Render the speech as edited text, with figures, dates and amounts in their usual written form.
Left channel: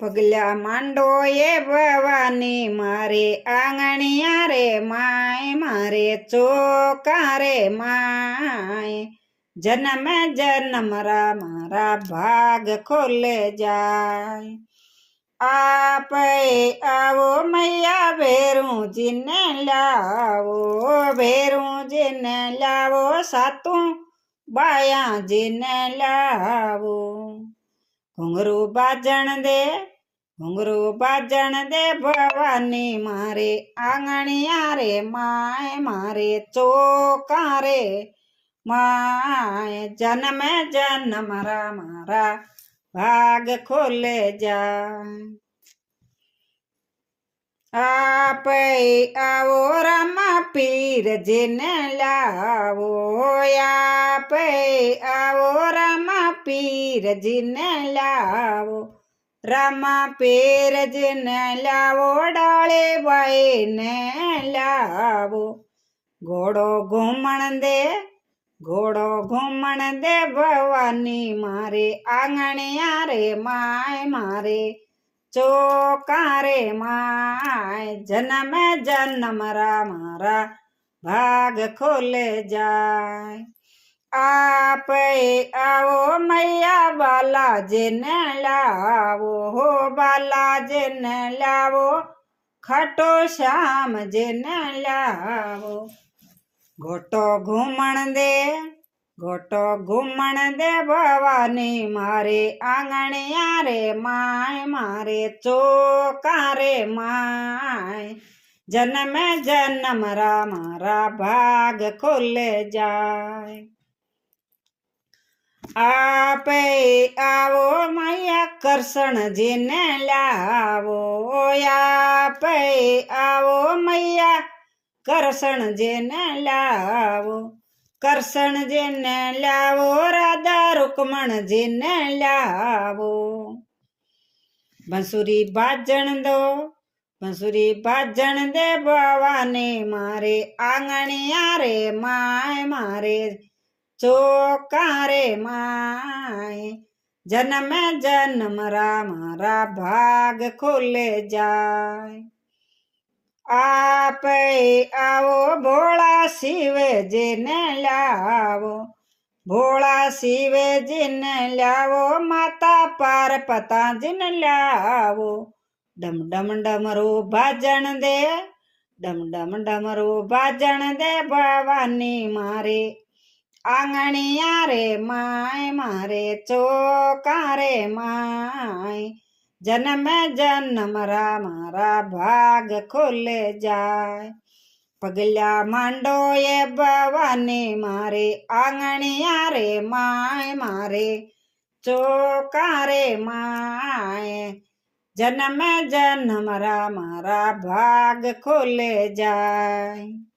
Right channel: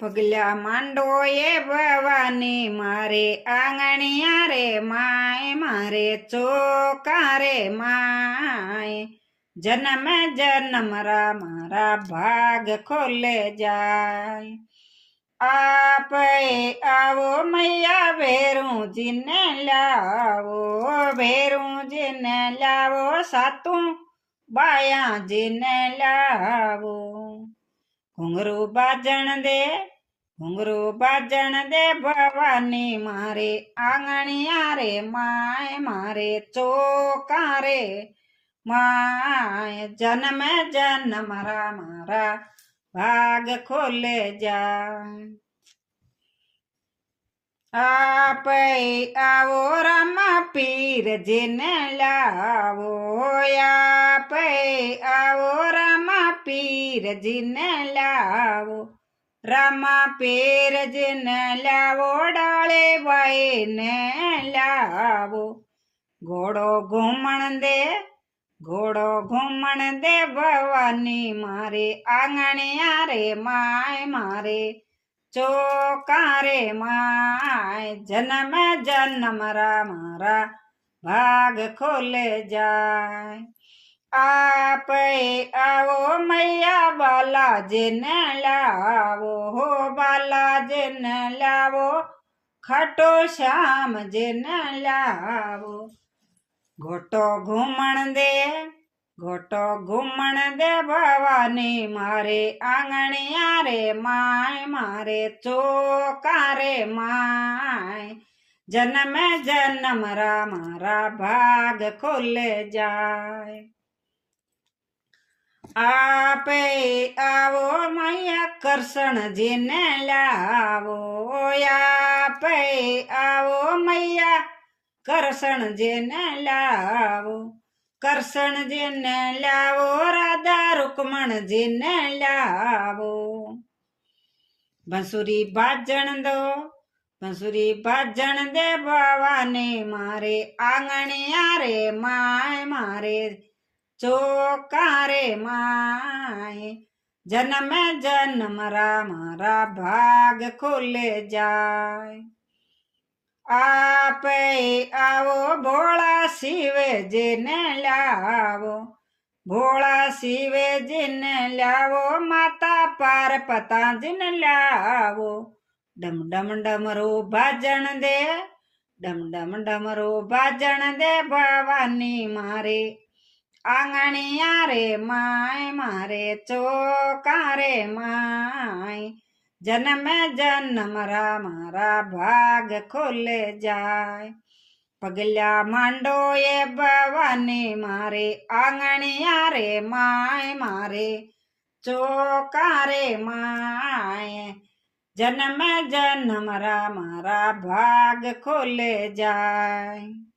પગલા માંડો એ ભવાની મારે આંગણિયા રે માય મારે ચોકા રે માય જન્મ જન્મ મારા ભાગ ખોલે જાય આપે આવો મૈયા ભેરુંજીને લાવો ભેરુંજીને લાવો સાતું બાયાજીને લાવો ઘુંઘરું બાજણ દે ભવાની મારે આંગણિયા રે માય મારે ચોકા રે માય જન્મે જન્મ મારા ભાગ ખોલે જાય આપે આવો રામા પીરજીને લાવો આપે આવો રામા પીરજીને લાવો રામા પીરજીને લાવો ડાળે બાઈને લાવો ઘોડો ઘૂમણ દે ભવાની મારે આંગણિયા રે માય મારે ચોકા રે માય જન્મ જન્મ મારા ભાગ ખોલે જાય આપે આવો મૈયા બાલાજીને લાવો હો બાલાજીને લાવો ખાટો શ્યામજીને લાવો ઘોટો ઘૂમણ દે ભવાની મારે આંગણિયા રે માય મારે ચોકા રે માય જન્મે જન્મ મારા ભાગ ખોલે જાય આપે આવો મૈયા કરશણજીને લાવો આપે આવો મૈયા કરશણજીને લાવો કરશણજીને લાવો રાધા રૂકમણજીને લાવો બંસુરી બાજણ દે ભવાની મારે આંગણિયા રે માય મારે ચોકા રે માય જન્મે જન્મ મારા ભાગ ખોલે જાય આપે આવો ભોળા શિવજીને લાવો ભોળા શિવજીને લાવો માતા પાર્વતીજીને લાવો ડમ ડમરું ભાજણ દે ભવાની મારે આંગણિયા રે માય મારે ચોકા રે માય જન્મે જન્મ મારા ભાગ ખોલે જાય પગલા માંડો એ ભવાની મારે આંગણિયા રે માય મારે ચોકા રે માય જન્મે જન્મ મારા ભાગ ખોલે જાય।